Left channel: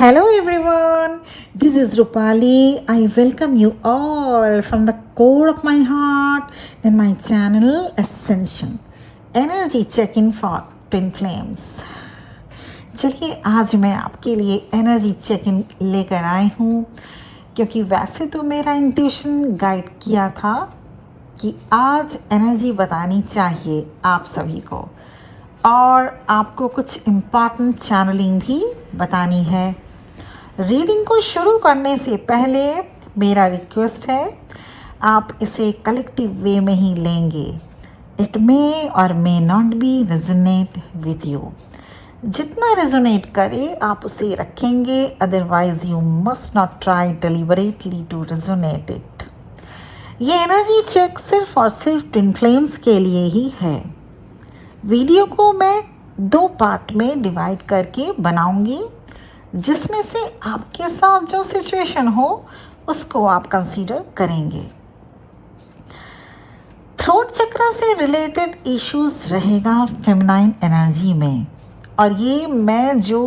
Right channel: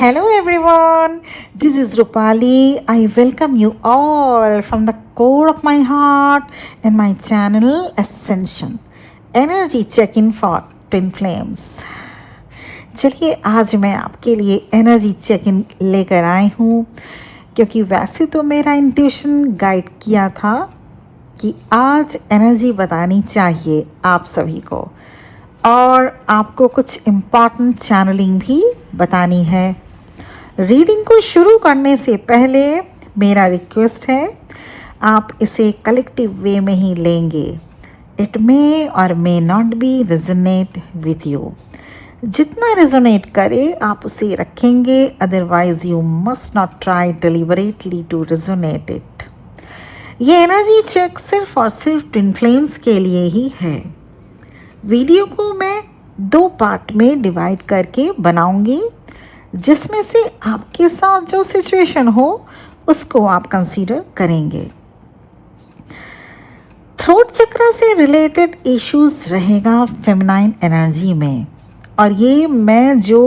Hello everyone, this is Rupali. I welcome you all from the core of my heart and my channel Ascension Energy Check-in for Twin Flames. चलिए आज मैं आपके लिए energy check in लेकर आई हूँ क्योंकि वैसे तो मेरा इंट्यूशन गाइड किया था कि आज एनर्जी बतानी चाहिए आप सभी को और आपको कुछ इम्पॉर्टेंट चैनलिंग भी बतानी है। रीडिंग को शुरू करने से पहले मेरा रिक्वेस्ट है आप इसे कलेक्टिव वे में ही लेंगे। It may or may not be resonate with you. जितना रेजोनेट करे आप उसे रखेंगे, otherwise you must not try deliberately to resonate it. ये एनर्जी चेक सिर्फ और सिर्फ ट्विन फ्लेम्स के लिए ही है। वीडियो को मैं 2 पार्ट में डिवाइड करके बनाऊंगी, जिसमें से आपके साथ जो सिचुएशन हो उसको आप कंसीडर करेंगे। थ्रोट चक्र से रिलेटेड इश्यूज रहेगा फेमिनाइन एनर्जी में, और ये मैं जो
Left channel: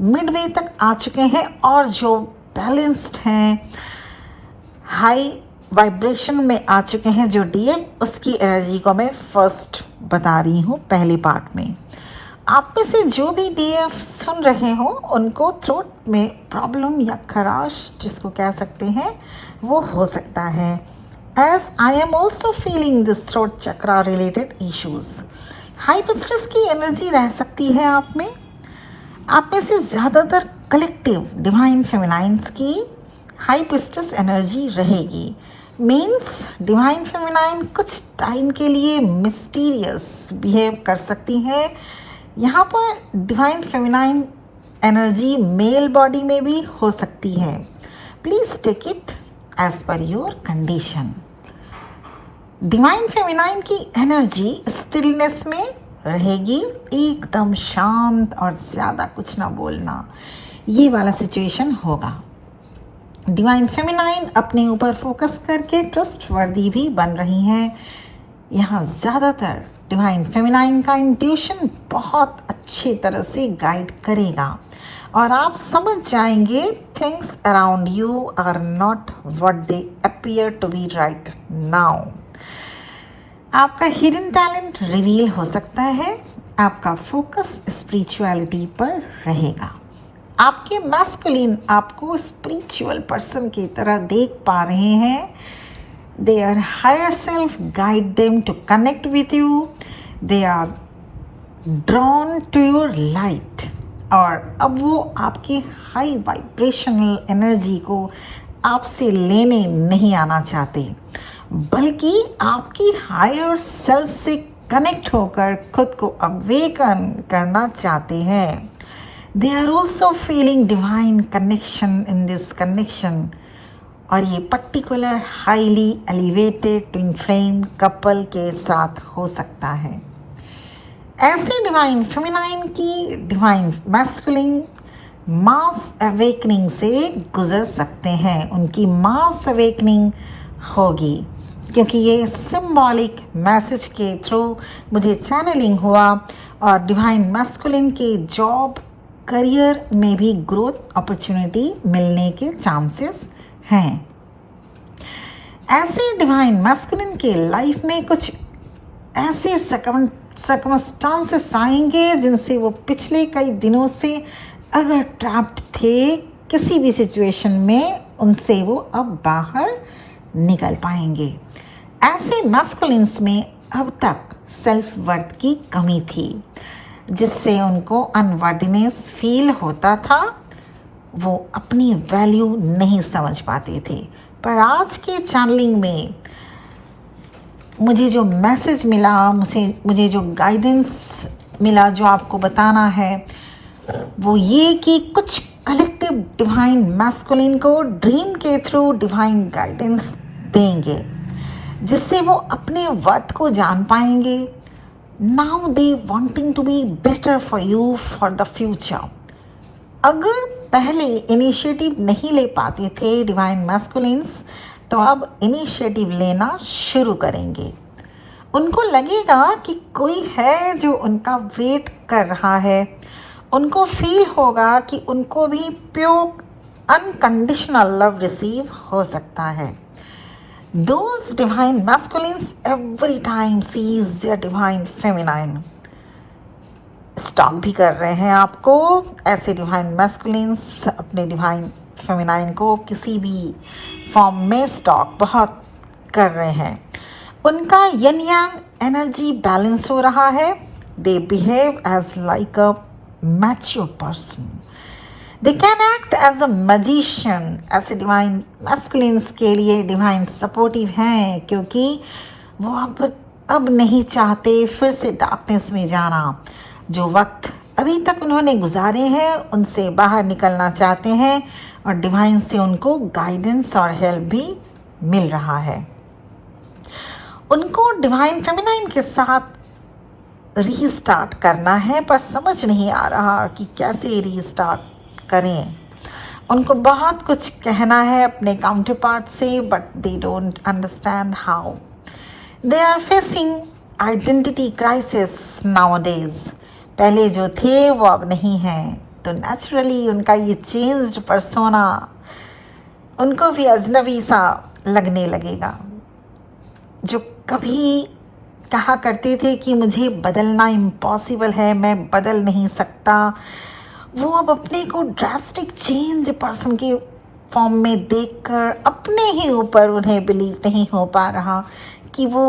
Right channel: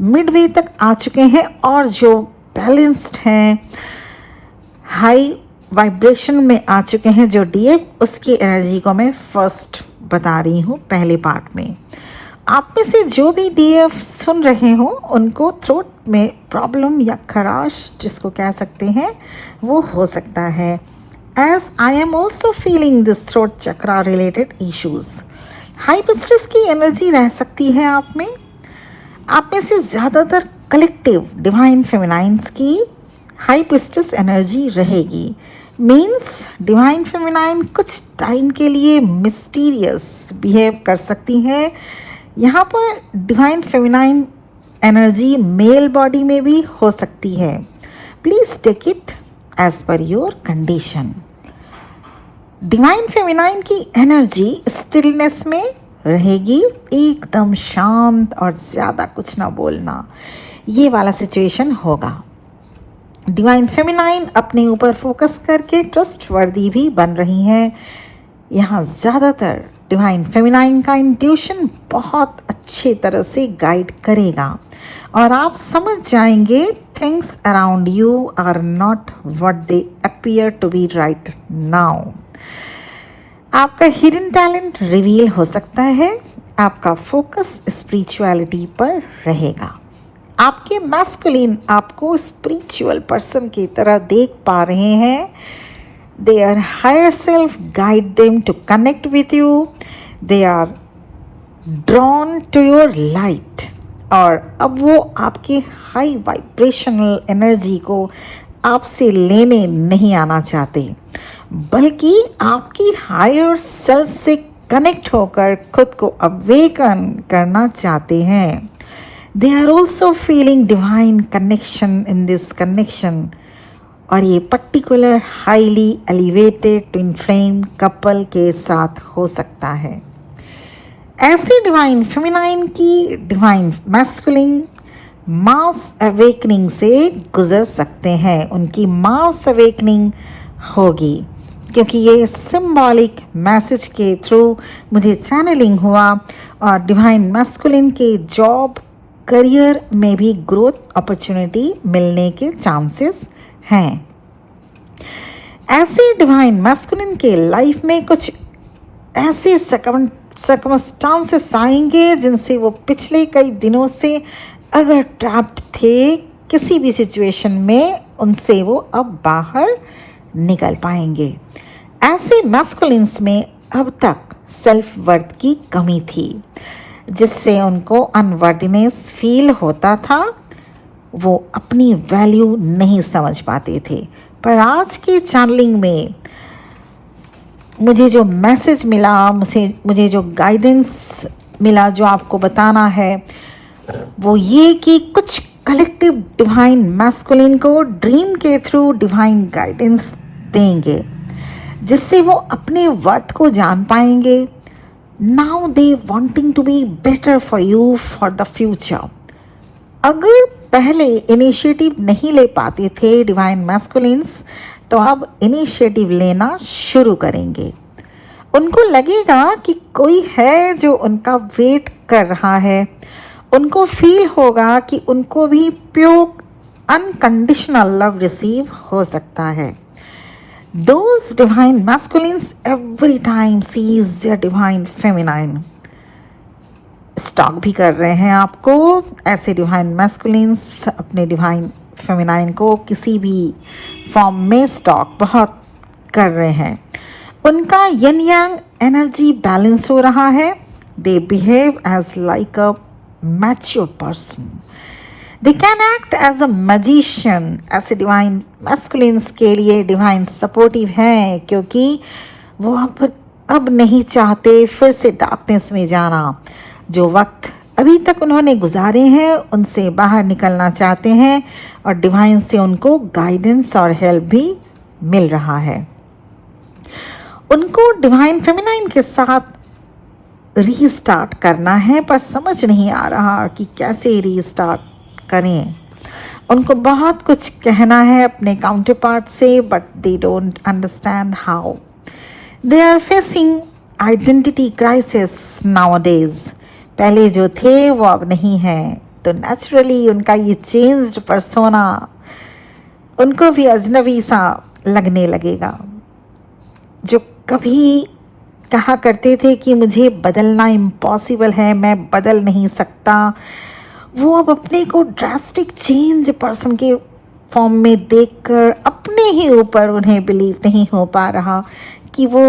मिडवे तक आ चुके हैं और जो बैलेंस्ड हैं, हाई वाइब्रेशन में आ चुके हैं जो डीएफ, उसकी एनर्जी को मैं फर्स्ट बता रही हूँ पहले पार्ट में। आप में से जो भी डीएफ सुन रहे हो उनको थ्रोट में प्रॉब्लम या खराश जिसको कह सकते हैं वो हो सकता है। As I am also feeling this throat chakra related issues. High priestess की एनर्जी रह सकती है आप में से ज़्यादातर कलेक्टिव डिवाइन फेमिनाइंस की हाई प्रिस्टेस एनर्जी रहेगी। मीन्स डिवाइन फेमिनाइन कुछ टाइम के लिए मिस्टीरियस बिहेव कर सकती हैं। यहाँ पर divine feminine energy male body में भी हो सकती है। Please take it as per your condition. Divine feminine की एनर्जी स्टिलनेस में रहेगी, एकदम शांत और ज़्यादा कुछ ना बोलना, ये वाला सिचुएशन होगा। डिवाइन फेमिनाइन अपने ऊपर फोकस करके ट्रस्ट वर्दी भी बन रही हैं। यहाँ ज़्यादातर डिवाइन फेमिनाइन का इंट्यूशन बहुत अच्छे तरह से गाइड करेगा और आप समझ जाएंगे things around you are not what they appear to be right now. आपका हिडन टैलेंट रिवील हो सकता है। आपका फोकस स्पिरिचुअलिटी पर रहेगा। आपके मैस्कुलिन आपको स्पिरिचुअल पर्सन की तरह देख पा रहे हैं। Their higher self guide them to connect with you. They are drawn to your light. और अब वो आपके हाई वाइब्रेशनल एनर्जी को आपसे लेने नहीं आना चाहते, बल्कि आपकी हायर सेल्फ से कनेक्ट होकर खुद को अवेकन करना चाहते हैं। They are also feeling divine connection in this connection. और ये particular highly elevated twin flame couple के साथ हो सकता है। ऐसे डिवाइन फेमिनाइन की डिवाइन मैस्कुलिन मास अवेकनिंग से गुजर सकते हैं। उनकी मास अवेकनिंग होगी क्योंकि ये सिंबॉलिक मैसेज के थ्रू मुझे चैनलिंग हुआ, और डिवाइन मैस्कुलिन के जॉब करियर में भी ग्रोथ अपॉर्चुनिटी मिलने के चांसेस हैं। ऐसे डिवाइन मैस्कुलिन के लाइफ में कुछ ऐसे सर्कमस्टांसेस आएंगे जिनसे वो पिछले कई दिनों से अगर ट्रैप्ड थे किसी भी सिचुएशन में, उनसे वो अब बाहर निकल पाएंगे। ऐसे मैस्कुलिन्स में अब तक सेल्फ वर्थ की कमी थी, जिससे उनको अनवर्दीनेस फील होता था। वो अपनी वैल्यू नहीं समझ पाते थे। पर आज के चैनलिंग में मुझे जो मैसेज मिला, मुझे जो गाइडेंस मिला, जो आपको बताना है वो ये कि कुछ कलेक्टिव डिवाइन मैस्कुलिन को ड्रीम के थ्रू डिवाइन गाइडेंस देंगे, जिससे वो अपने वर्थ को जान पाएंगे। Now they wanting to be better for you for the future. अगर पहले इनिशिएटिव नहीं ले पाते थे डिवाइन मैस्कुलिन्स, तो अब इनिशिएटिव लेना शुरू करेंगे। उनको लगेगा कि कोई है जो उनका वेट कर रहा है उनको फील होगा कि उनको भी प्योर अनकंडीशनल लव रिसीव हो सकता है. Those divine masculines every time sees their divine feminine. Stock भी कर रहे हैं आपको. ऐसे डिवाइन मैस्कुलिन्स अपने डिवाइन फेमिनाइन को किसी भी फॉर्म में स्टॉक बहुत कर रहे हैं. उनका यन यांग एनर्जी बैलेंस हो रहा है. They behave as like a mature person. They can act as a magician. ऐसे डिवाइन मैस्कुलिन्स के लिए डिवाइन सपोर्टिव है, क्योंकि वो अब नहीं चाहते फिर से डार्कनेस में जाना. जो वक्त अभी तक उन्होंने गुजारे हैं उनसे बाहर निकलना चाहते हैं, और डिवाइन से उनको गाइडेंस और हेल्प भी मिल रहा है. उनको डिवाइन फेमिनाइन के साथ रीस्टार्ट करना है, पर समझ नहीं आ रहा कि कैसे रीस्टार्ट करें. उनको बहुत कुछ कहना है अपने काउंटर पार्ट से, but they don't understand how. They are facing identity crisis nowadays. पहले जो थे वो अब नहीं है, तो नेचुरली उनका ये चेंज्ड पर्सोना उनको भी अजनबी सा लगने लगेगा. जो कभी कहा करते थे कि मुझे बदलना इम्पॉसिबल है, मैं बदल नहीं सकता, वो अब अपने को ड्रास्टिक चेंज पर्सन के फॉर्म में देखकर अपने ही ऊपर उन्हें बिलीव नहीं हो पा रहा कि वो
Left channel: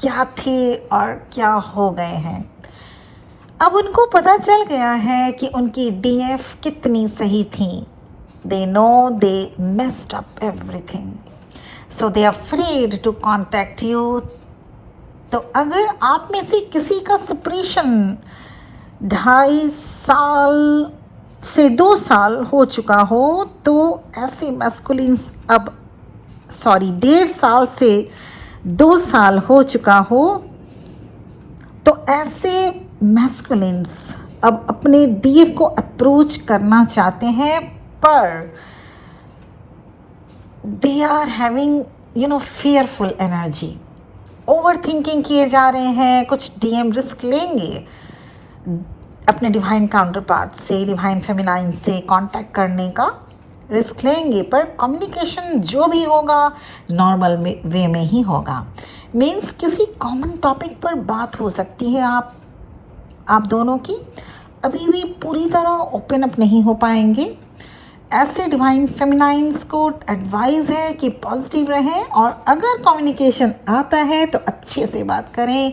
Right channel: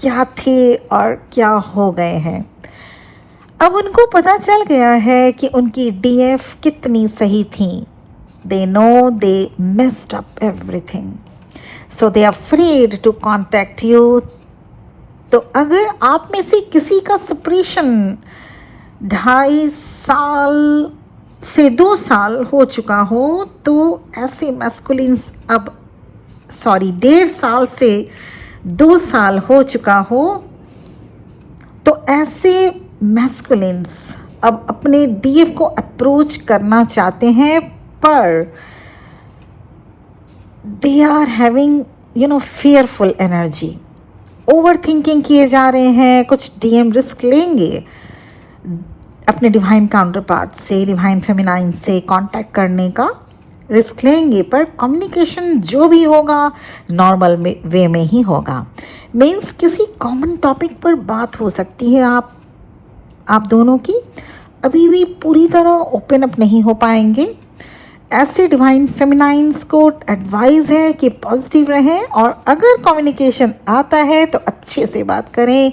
क्या थे और क्या हो गए हैं. अब उनको पता चल गया है कि उनकी डीएफ कितनी सही थी. They know they messed up everything, so they are afraid to contact you. तो अगर आप में से किसी का सेपरेशन 2.5 साल से 2 साल हो चुका हो, तो ऐसे मैस्कुलिन्स अब 1.5 साल से 2 साल हो चुका हो, तो ऐसे मैस्कुलिन्स अब अपने डीएफ को अप्रोच करना चाहते हैं, पर they are having fearful energy. Overthinking किए जा रहे हैं. कुछ डीएम रिस्क लेंगे अपने डिवाइन काउंटर पार्ट से, डिवाइन फेमिनाइन से कांटेक्ट करने का रिस्क लेंगे, पर कम्युनिकेशन जो भी होगा नॉर्मल वे में ही होगा. मीन्स किसी कॉमन टॉपिक पर बात हो सकती है आप दोनों की. अभी भी पूरी तरह ओपन अप नहीं हो पाएंगे. ऐसे डिवाइन फेमिनाइंस को एडवाइस है कि पॉजिटिव रहें, और अगर कम्युनिकेशन आता है तो अच्छे से बात करें.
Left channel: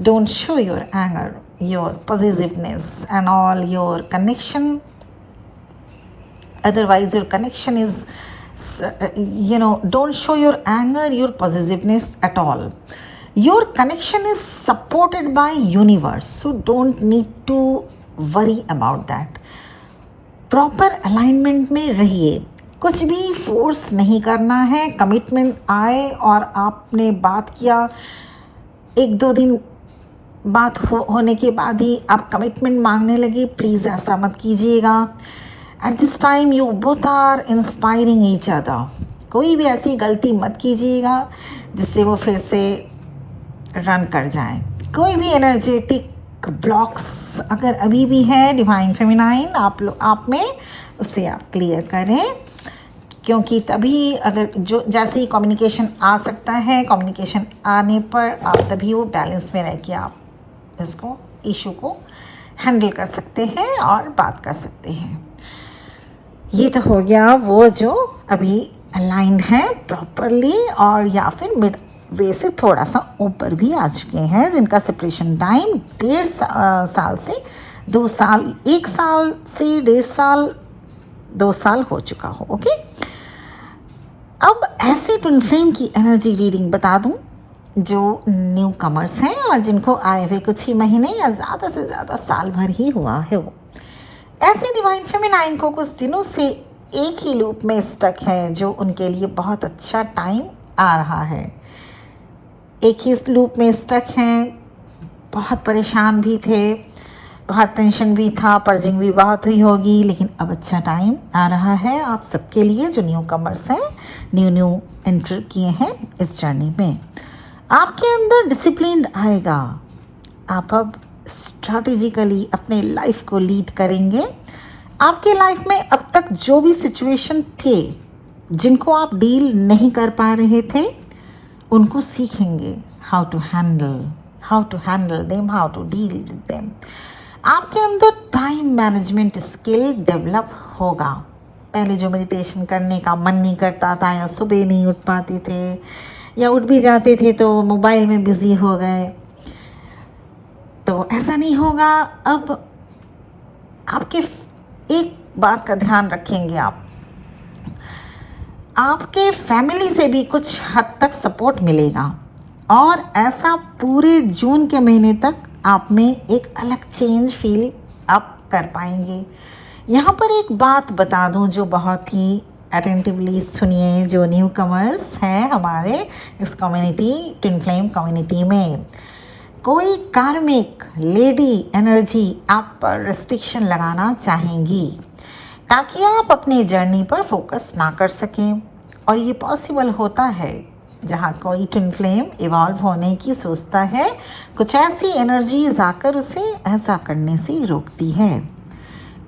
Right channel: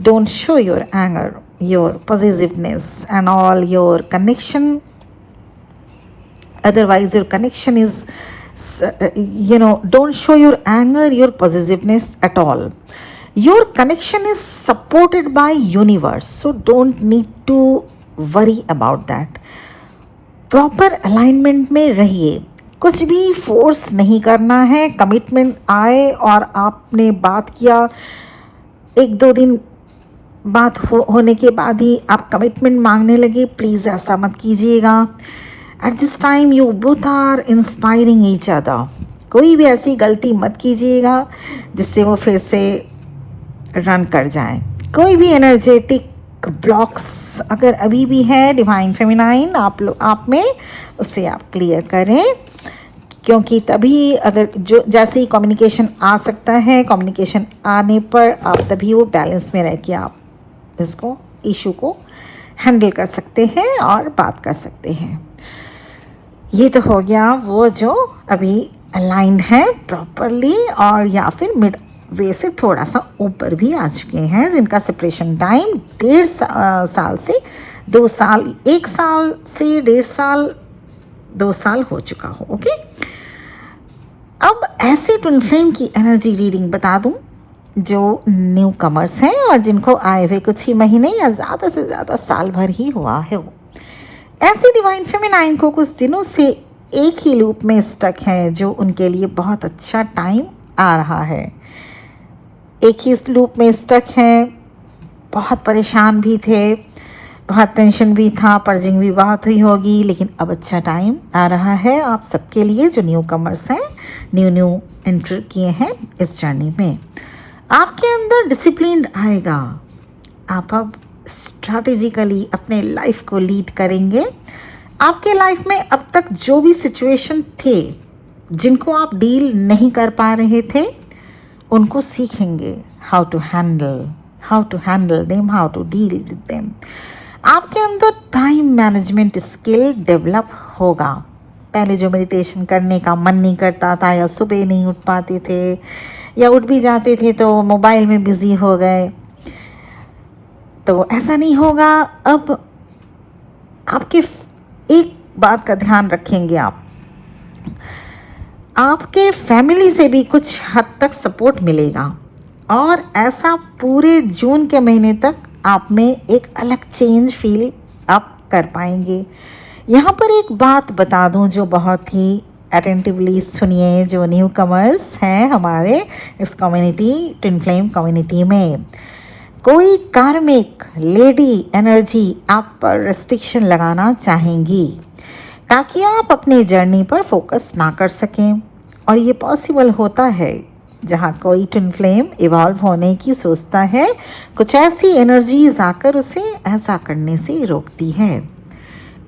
Don't show your anger, your positiveness and all your connection. Otherwise your connection is don't show your anger, your possessiveness at all. Your connection is supported by universe, so don't need to worry about that. Proper alignment में रहिए. कुछ भी force नहीं करना है. Commitment आए और आपने बात किया, 1-2 दिन बात होने के बाद ही आप कमिटमेंट मांगने लगे, प्लीज़ ऐसा मत कीजिएगा. At this time you both are inspiring each other. कोई भी ऐसी गलती मत कीजिएगा जिससे वो फिर से रन कर जाए. कोई भी एनर्जेटिक ब्लॉक्स अगर अभी भी है डिवाइन फेमिनाइन आप में, उसे आप क्लियर करें, क्योंकि तभी अगर जो जैसे ही कम्युनिकेशन आ सकता है, कम्युनिकेशन आने पर आप तभी वो बैलेंस में रह के आप इसको इशू को हैंडल कर सकते हैं और बात कर सकते हैं. ये तो हो गया वो जो अभी अलाइंड है प्रॉपरली, और या फिर मिड वे से थोड़ा सा ऊपर भी आ चुके हैं, जिनका सेपरेशन टाइम 1.5 साल से 2 साल, 1 साल से 1.5 साल, 2 साल हो चुका हो. ओके, अब ऐसे ट्विन फ्लेम की एनर्जी रीडिंग बता दूं जो न्यू कमर्स हैं और जिनको आए हुए कुछ ही महीने या ज़्यादा से ज़्यादा साल भर ही हुआ है. वो ऐसे डिवाइन फेमिनाइन को कुछ दिनों से एक ही लूप में स्टक हैं, जो उनके लिए बहुत अच्छा टाइम आ रहा है. एक ही लूप में स्टक हैं, बहुत परेशान भी थे, बहुत टेंशन भी था, पर्जिंग भी बहुत हुई होगी, लेकिन अब अच्छा टाइम आ रहा है आप सबके लिए जो न्यू कमर्स हैं, न्यू एंटर किए हैं इस जर्नी में. आपके अंदर डिसिप्लिन आएगा. आप अब स्ट्रैटेजिकली अपने लाइफ को लीड करेंगे। आपके लाइफ में अब तक जो भी सिचुएशन थे जिनको आप डील नहीं कर पा रहे थे, उनको सीखेंगे how to handle them, how to deal with them. आपके अंदर टाइम मैनेजमेंट स्किल डेवलप होगा। पहले जो मेडिटेशन करने का मन नहीं करता था, या सुबह नहीं उठ पाते थे, या उठ भी जाते थे तो मोबाइल में बिजी हो गए, तो ऐसा नहीं होगा। अब आपके एक बात का ध्यान रखेंगे, आपके फैमिली से भी कुछ हद तक सपोर्ट मिलेगा, और ऐसा पूरे जून के महीने तक आप में एक अलग चेंज फील आप कर पाएंगे। यहाँ पर एक बात बता दूँ जो बहुत ही अटेंटिवली सुनिए, जो न्यू कमर्स हैं हमारे इस कम्युनिटी, ट्विन फ्लेम कम्युनिटी में, कोई कार्मिक लेडी एनर्जी आप पर रिस्ट्रिक्शन लगाना चाहेंगी ताकि आप अपने जर्नी पर फोकस ना कर सकें। और ये पॉसिबल होता है जहाँ कोई ट्विन फ्लेम इवॉल्व होने की सोचता है, कुछ ऐसी एनर्जीज आकर उसे ऐसा करने से रोकती है।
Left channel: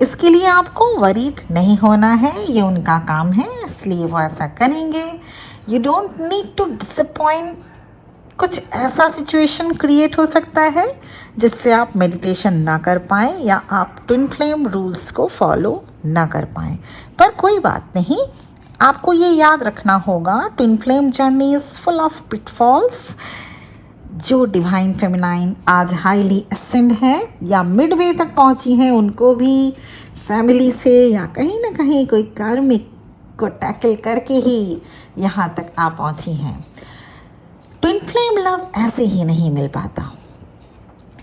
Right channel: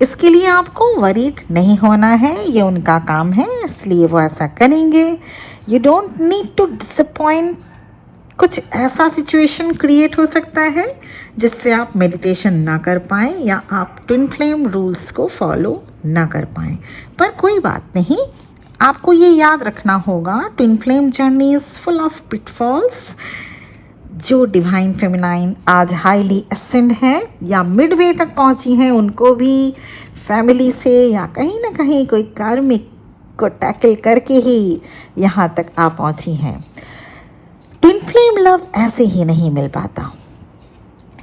इसके लिए आपको वरीड नहीं होना है, ये उनका काम है, इसलिए वो ऐसा करेंगे। You don't need to disappoint. कुछ ऐसा सिचुएशन क्रिएट हो सकता है जिससे आप मेडिटेशन ना कर पाएँ, या आप ट्विन फ्लेम रूल्स को फॉलो ना कर पाएँ, पर कोई बात नहीं। आपको ये याद रखना होगा, twin flame journey is full of pitfalls. जो डिवाइन फेमिनाइन आज हाईली असेंड है या मिडवे तक पहुंची हैं, उनको भी फैमिली से या कहीं ना कहीं कोई कार्मिक को टैकल करके ही यहाँ तक आ पहुंची हैं। ट्विन फ्लेम लव ऐसे ही नहीं मिल पाता।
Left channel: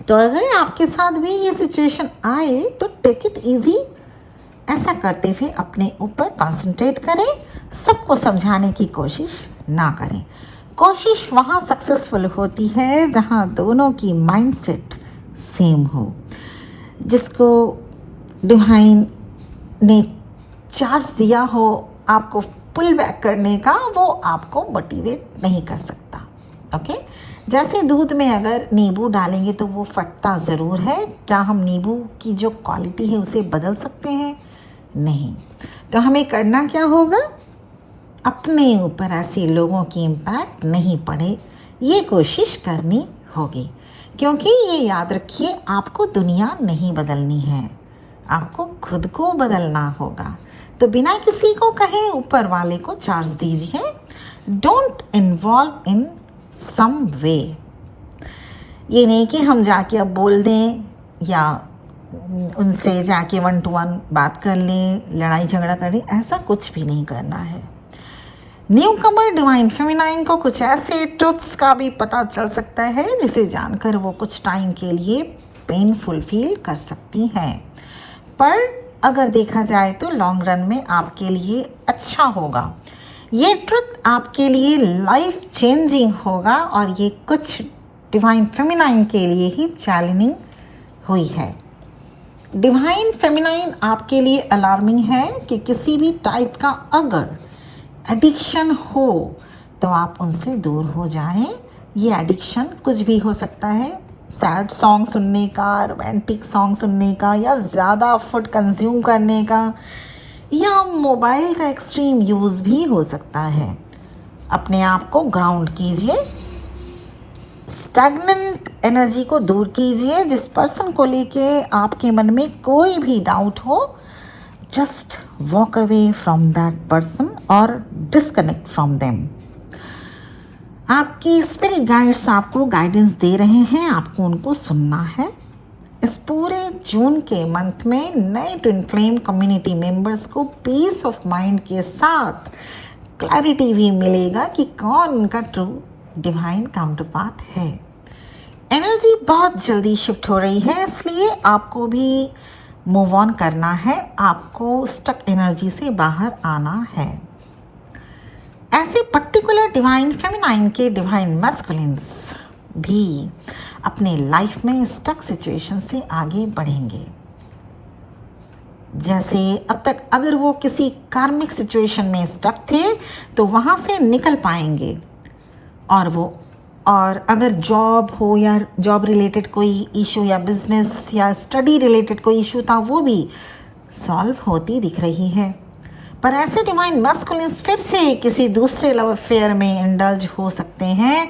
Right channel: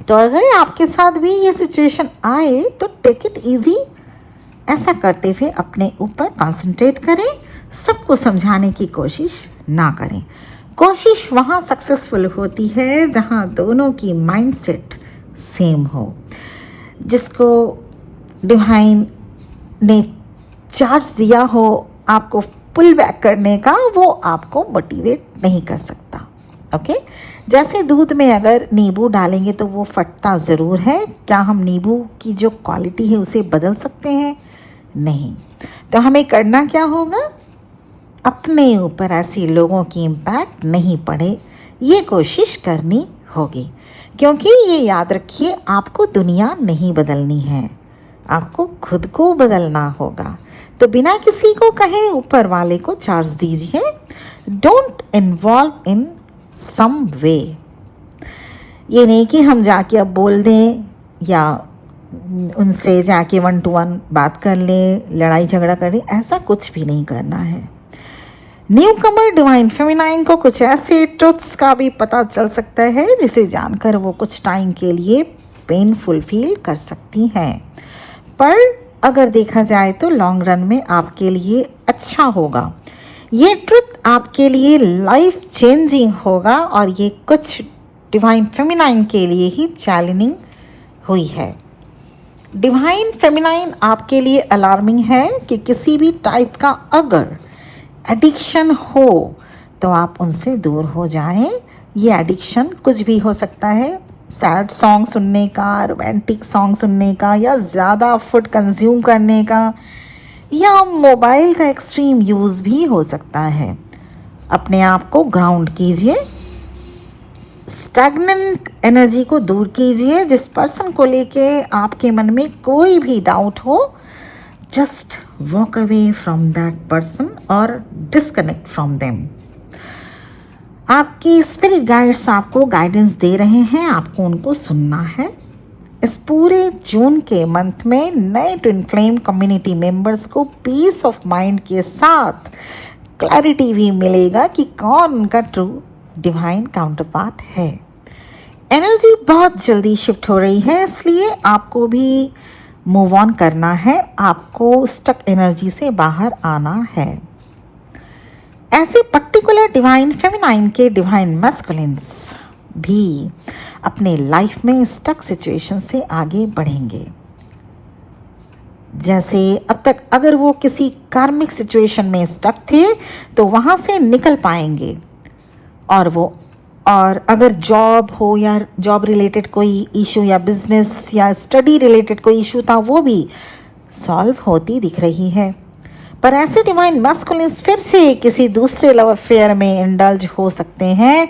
तो अगर आपके साथ भी ये सिचुएशन आए तो टेक इट इजी। ऐसा करते हुए अपने ऊपर कंसंट्रेट करें, सबको समझाने की कोशिश ना करें। कोशिश वहाँ सक्सेसफुल होती है जहाँ दोनों की माइंडसेट सेम हो। जिसको डिवाइन ने चार्ज दिया हो आपको पुल बैक करने का, वो आपको मोटिवेट नहीं कर सकता। ओके जैसे दूध में अगर नींबू डालेंगे तो वो फटता ज़रूर है, क्या हम नींबू की जो क्वालिटी है उसे बदल सकते हैं? नहीं। तो हमें करना क्या होगा, अपने ऊपर ऐसे लोगों की इम्पैक्ट नहीं पड़े, ये कोशिश करनी होगी। क्योंकि ये याद रखिए, आपको दुनिया नहीं बदलनी है, आपको खुद को बदलना होगा। तो बिना किसी को कहे ऊपर वाले को चार्ज दीजिए। डोंट इन्वॉल्व इन सम वे। ये नहीं कि हम जाके अब बोल दें या उनसे जाके 1 to 1 बात कर लें, लड़ाई झगड़ा करें, ऐसा कुछ भी नहीं करना है। न्यू कमर डिवाइन फेमिनाइन को कुछ ऐसे ट्रुथ्स का भी पता चल सकता है जिसे जानकर वो कुछ टाइम के लिए पेनफुल फील कर सकती हैं, पर अगर देखा जाए तो लॉन्ग रन में आपके लिए अच्छा होगा। ये ट्रुथ आपके लिए लाइफ चेंजिंग होगा, और ये कुछ डिवाइन फेमिनाइन के लिए ही चैलेंजिंग हुई है। डिवाइन फेमिनाइन आपके लिए अलार्मिंग है कि किसी भी टाइप का अगर एडिक्शन हो तो आप उनसे दूर हो जाएं। ये एडिक्शन कुछ भी हो सकता है, सैड सॉन्ग सुनने का, रोमांटिक सॉन्ग सुनने का, या ज़्यादा फूड कंज्यूम करने का, या मोबाइल का एक्सट्रीम यूज़ भी हो सकता है। अपने आप को ग्राउंड कीजिए, स्टैग्नेंट एनर्जी को दूर कीजिए। जिस पर्सन को लेके आपके मन में कोई भी डाउट हो, just walk away from that person और डिस्कनेक्ट फ्रॉम देम। आपकी स्पिरिट गाइड्स आपको गाइडेंस दे रहे हैं, आपको उनको सुनना है। इस पूरे जून के मंथ में नए ट्विन फ्लेम कम्युनिटी मेंबर्स को पीस ऑफ माइंड के साथ क्लैरिटी भी मिलेगा कि कौन उनका ट्रू डिवाइन काउंटर पार्ट है। एनर्जी बहुत जल्दी शिफ्ट हो रही है, इसलिए आपको भी मूव ऑन करना है, आपको स्टक एनर्जी से बाहर आना है। ऐसे पर्टिकुलर डिवाइन फेमिनाइन के डिवाइन मैस्कुलिन्स भी अपने लाइफ में स्टक सिचुएशन से आगे बढ़ेंगे। जैसे अब तक अगर वो किसी कार्मिक सिचुएशन में स्टक थे तो वहाँ से निकल पाएंगे, और वो और अगर जॉब हो या जॉब रिलेटेड कोई इशू या बिजनेस या स्टडी रिलेटेड कोई इशू था, वो भी सॉल्व होती दिख रही है। पर ऐसे डिवाइन मैस्कुलिन्स फिर से किसी दूसरे लव अफेयर में इंडल्ज हो सकते हैं।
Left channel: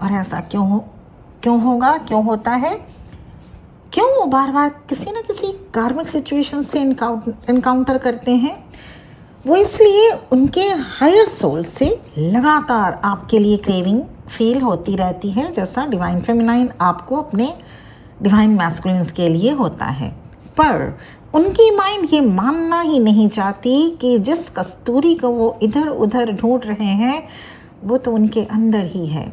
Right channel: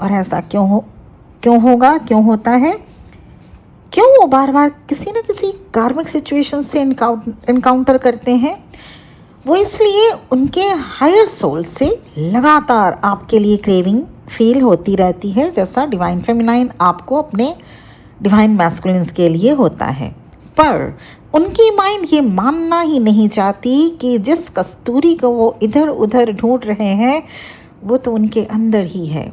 और ऐसा क्यों होता है? क्यों वो बार बार किसी न किसी कार्मिक सिचुएशन से इनकाउंटर करते हैं? वो इसलिए उनके हायर सोल से लगातार आपके लिए क्रेविंग फील होती रहती है, जैसा डिवाइन फेमिनाइन आपको अपने डिवाइन मैस्कुलिन्स के लिए होता है। पर उनकी माइंड ये मानना ही नहीं चाहती कि जिस कस्तूरी को वो इधर उधर ढूंढ रहे हैं वो तो उनके अंदर ही है,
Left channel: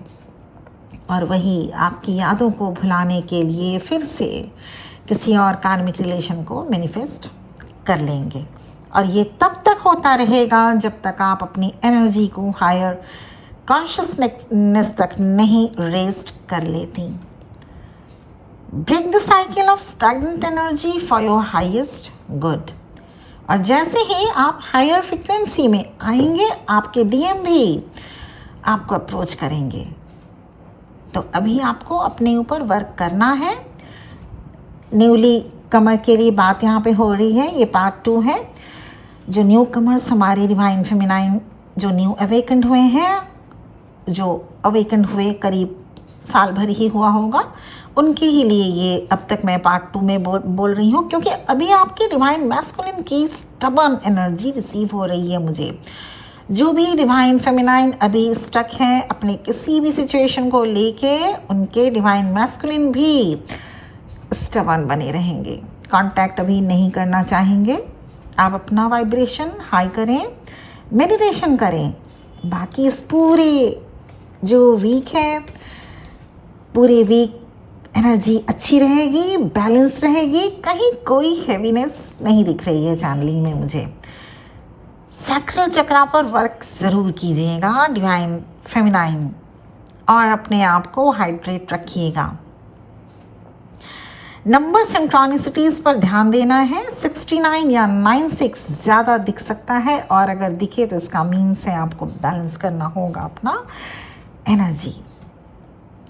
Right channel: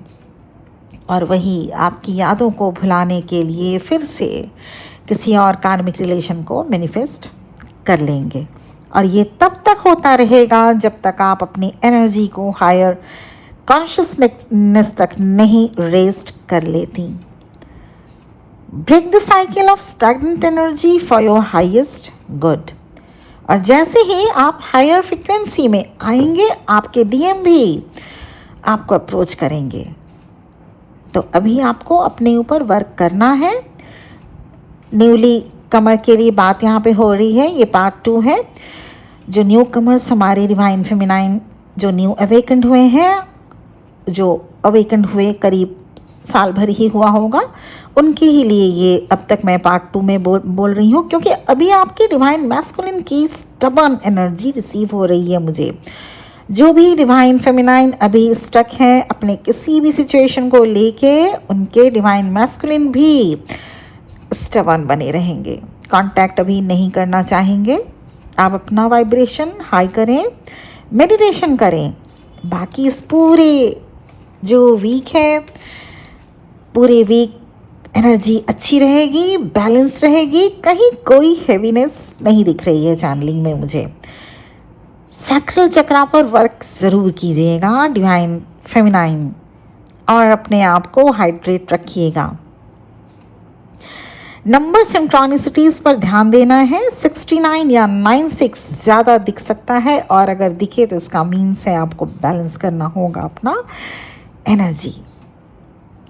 और वही आपकी यादों को भुलाने के लिए फिर से किसी और कार्मिक रिलेशन को मैनिफेस्ट कर लेंगे। और ये तब तक होता रहेगा जब तक आप अपनी एनर्जी को हायर कॉन्शियसनेस तक नहीं रेस्ट कर लेती। Break the cycle of stagnant energy for your highest good. और जैसे ही आप हायर फ्रिक्वेंसी में आएंगे, आपके डीएम भी आपको अप्रोच करेंगे। तो अभी आपको अपने ऊपर वर्क करना है। न्यूली कमर के लिए बात यहाँ पे हो रही है, ये पार्ट 2 है। जो न्यू कमर्स हमारे डिवाइन फेमिनाइन जो न्यू अवेकेंड हुए हैं, जो अवेकेंड हुए करीब साल भर ही हुआ होगा, उनके ही लिए ये अब तक मैं पार्ट 2 में बोल रही हूँ, क्योंकि अभी आपके डिवाइन मैस्कुलिन की स्टबर्न एनर्जी रिसीव हो रही है मुझे। जो भी डिवाइन फेमिनाइन अभी स्टक हैं अपने किसी भी सिचुएशन को लेके, उनके डिवाइन मैस्कुलिन भी स्टबर्न बने रहेंगे, कांटेक्ट अभी नहीं करना चाहेंगे। आप अपना वाइब्रेशन हाई करें, मेडिटेशन करें। बाकी इस पूरे जो वीक है, पूरे वीक एनर्जी अच्छी रहेगी, बैलेंस रहेगी, कहीं कोई हैवीनेस नहीं दिख रही है चैनलिंग में मुझे। सैक्रल चक्रा पर वर्क ज़रूर कीजिएगा डिवाइन फेमिनाइन, और अपने आप को हाइड्रेट रखिएगा। नंबर सिंक्रोनिसिटीज पर ध्यान देना है। 69 या 96 ज़्यादा दिख सकता है, और अगर दिखे तो इसका मीन्स है आपको बैलेंस करना होगा अपना एनर्जी।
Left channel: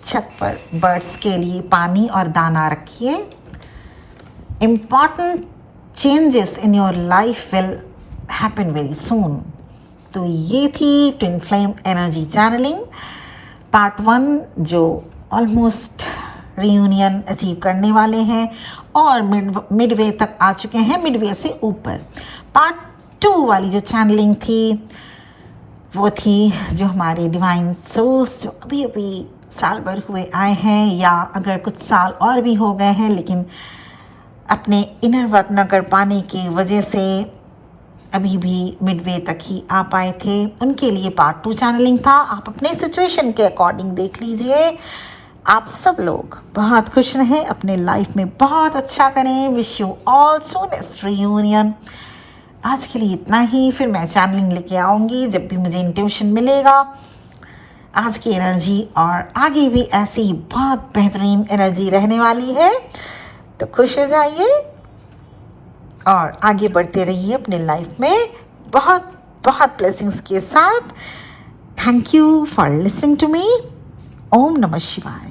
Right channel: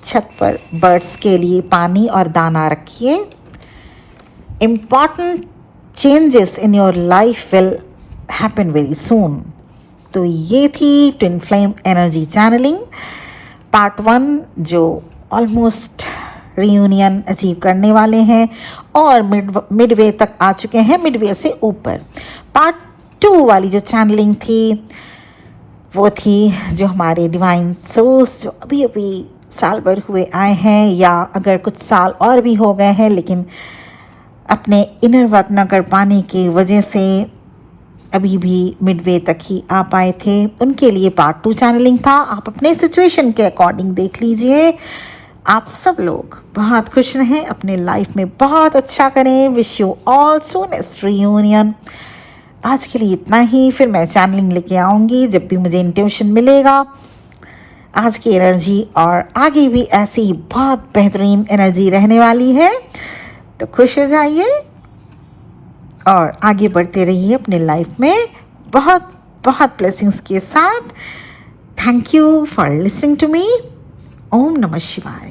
छत पर बर्ड्स के लिए पानी और दाना रखिए। Important changes in your life will happen very soon. तो ये थी twin flame energy channeling part 1, जो ऑलमोस्ट रियूनियन अचीव करने वाले हैं और मिडवे तक आ चुके हैं, मिडवे से ऊपर। पार्ट 2 वाली जो चैनलिंग थी वो थी जो हमारे डिवाइन सोल्स जो अभी अभी साल भर हुए आए हैं, या अगर कुछ साल और भी हो गए हैं लेकिन अपने इनर वर्क न कर पाने की वजह से अभी भी मिडवे तक ही आ पाए थे, उनके लिए पार्ट 2 चैनलिंग था। आप अपने सिचुएशन के अकॉर्डिंग देख लीजिए। आप सब लोग बहुत खुश रहें, अपने लाइफ में बहुत अच्छा करें। Wish you all soonest reunion. आज के लिए इतना ही, फिर मैं चैनलिंग लेके आऊँगी जब भी मुझे इंट्यूशन मिलेगा। आज की एनर्जी और आगे भी ऐसी ही बहुत बेहतरीन एनर्जी रहने वाली है, तो खुश हो जाइए और आगे बढ़ते रहिए अपने लाइफ में बहुत बहुत ब्लेसिंग्स के साथ। Thank you for listening to me. ओम नमः शिवाय।